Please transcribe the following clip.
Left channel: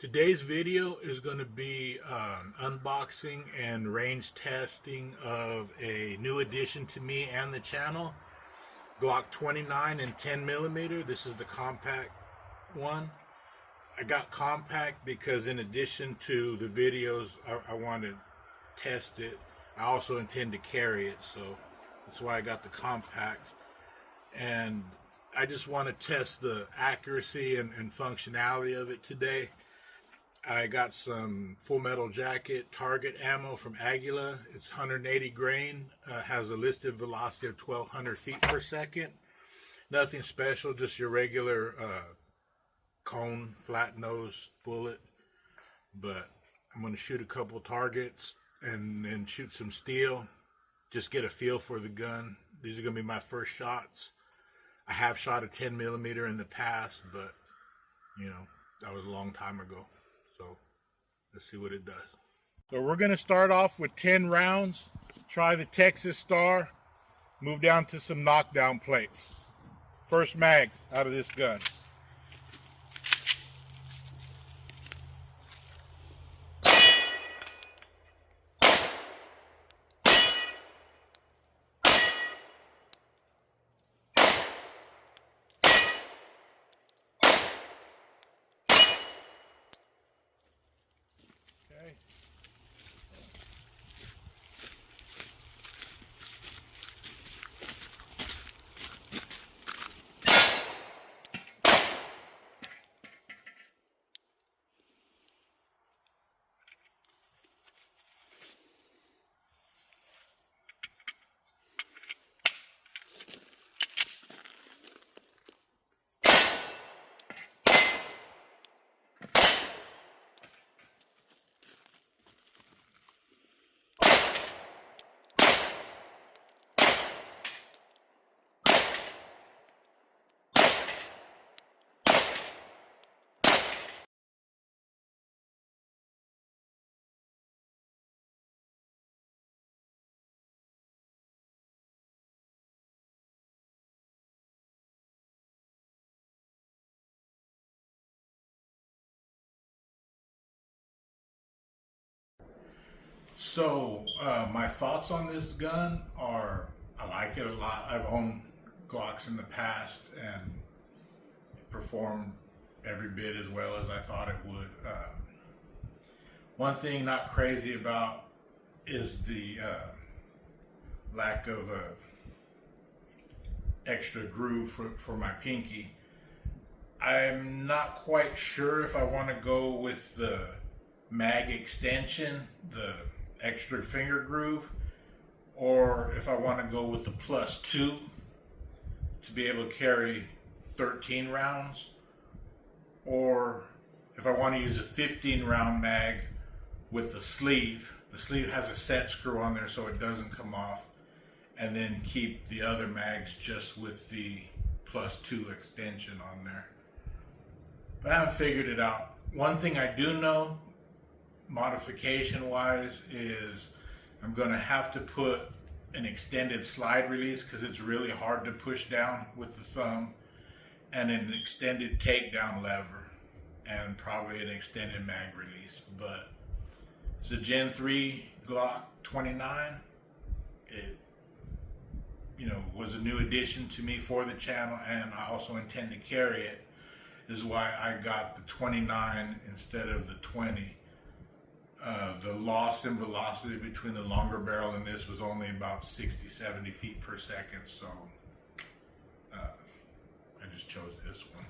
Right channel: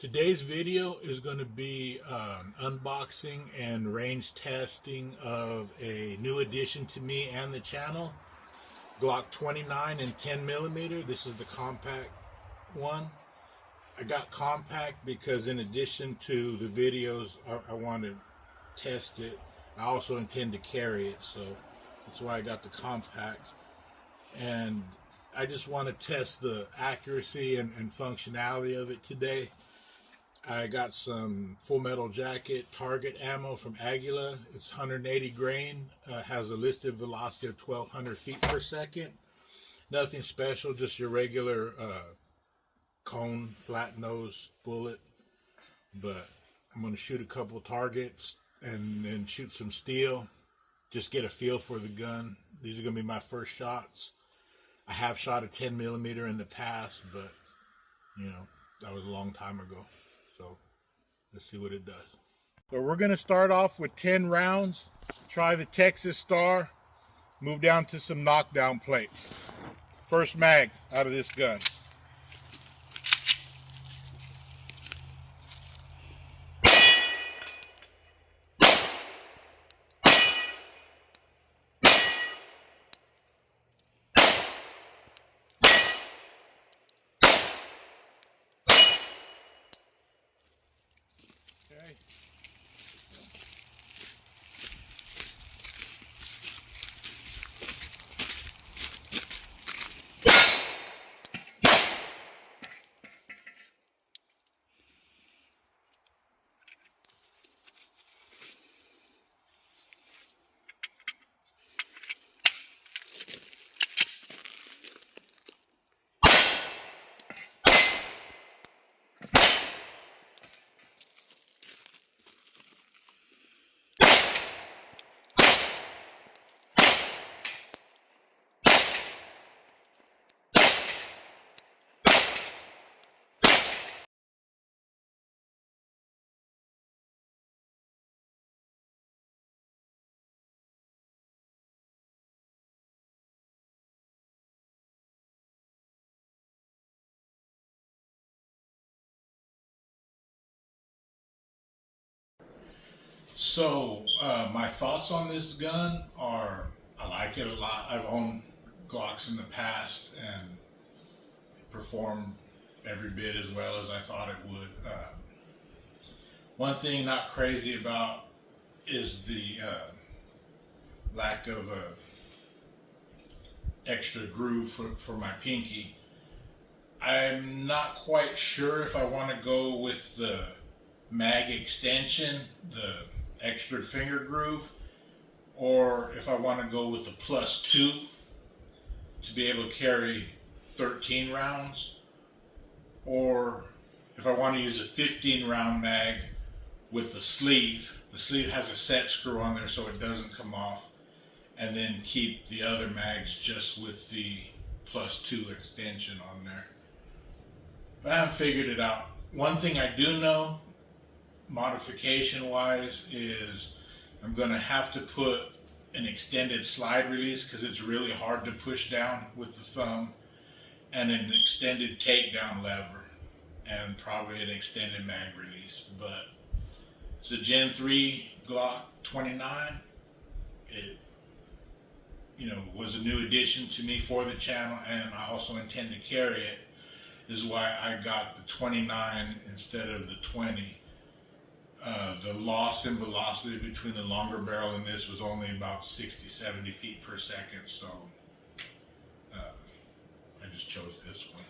Today's video is going to be an unboxing and range testing of a new addition to me and the channel, Glock 29 and 10 millimeter. This is the compact one. I got compact because in addition to the videos, I want to test it. I also intend to carry it, so that's why I got the compact. And I just want to test the accuracy and functionality of it today. I got some Full Metal Jacket target ammo from Aguila. It's 180 grain, has a listed velocity of 1,200 feet per second. Nothing special, just your regular cone, flat nose bullet. But I'm going to shoot a couple targets and then shoot some steel. Just get a feel for the gun. These are going to be my first shots. I have shot a 10 millimeter in the past, but you know, that was a long time ago. So let's see what it does. So we're going to start off with 10 rounds. Try the Texas Star. Move down to some knockdown plates. First mag out of this gun. Okay. So my thoughts on this gun are, I like it a lot. I've owned Glocks in the past and it performed every bit as well as I thought it would. One thing not crazy about is the lack of extra groove for my pinky. I'm not quite sure if I want to go with the mag extension, the extra finger groove, or if I want to go with the +2 to be able to carry 13 rounds, or if I want to use a 15 round mag with the sleeve. The sleeve has a set screw on there so it doesn't come off, and then keep the other mags just with the +2 extension on there. But I haven't figured it out. One thing I do know, modification wise, is I'm going to have to put an extended slide release because it's really hard to push down with the thumb, and an extended takedown lever, and probably an extended mag release. But it's a Gen 3 Glock 29. It, was a new addition to me for the channel, and I also intend to carry it. This is why I got the 29 instead of the 20. The loss in velocity between the longer barrel and this was only about 60-70 feet per second, so I just chose this one.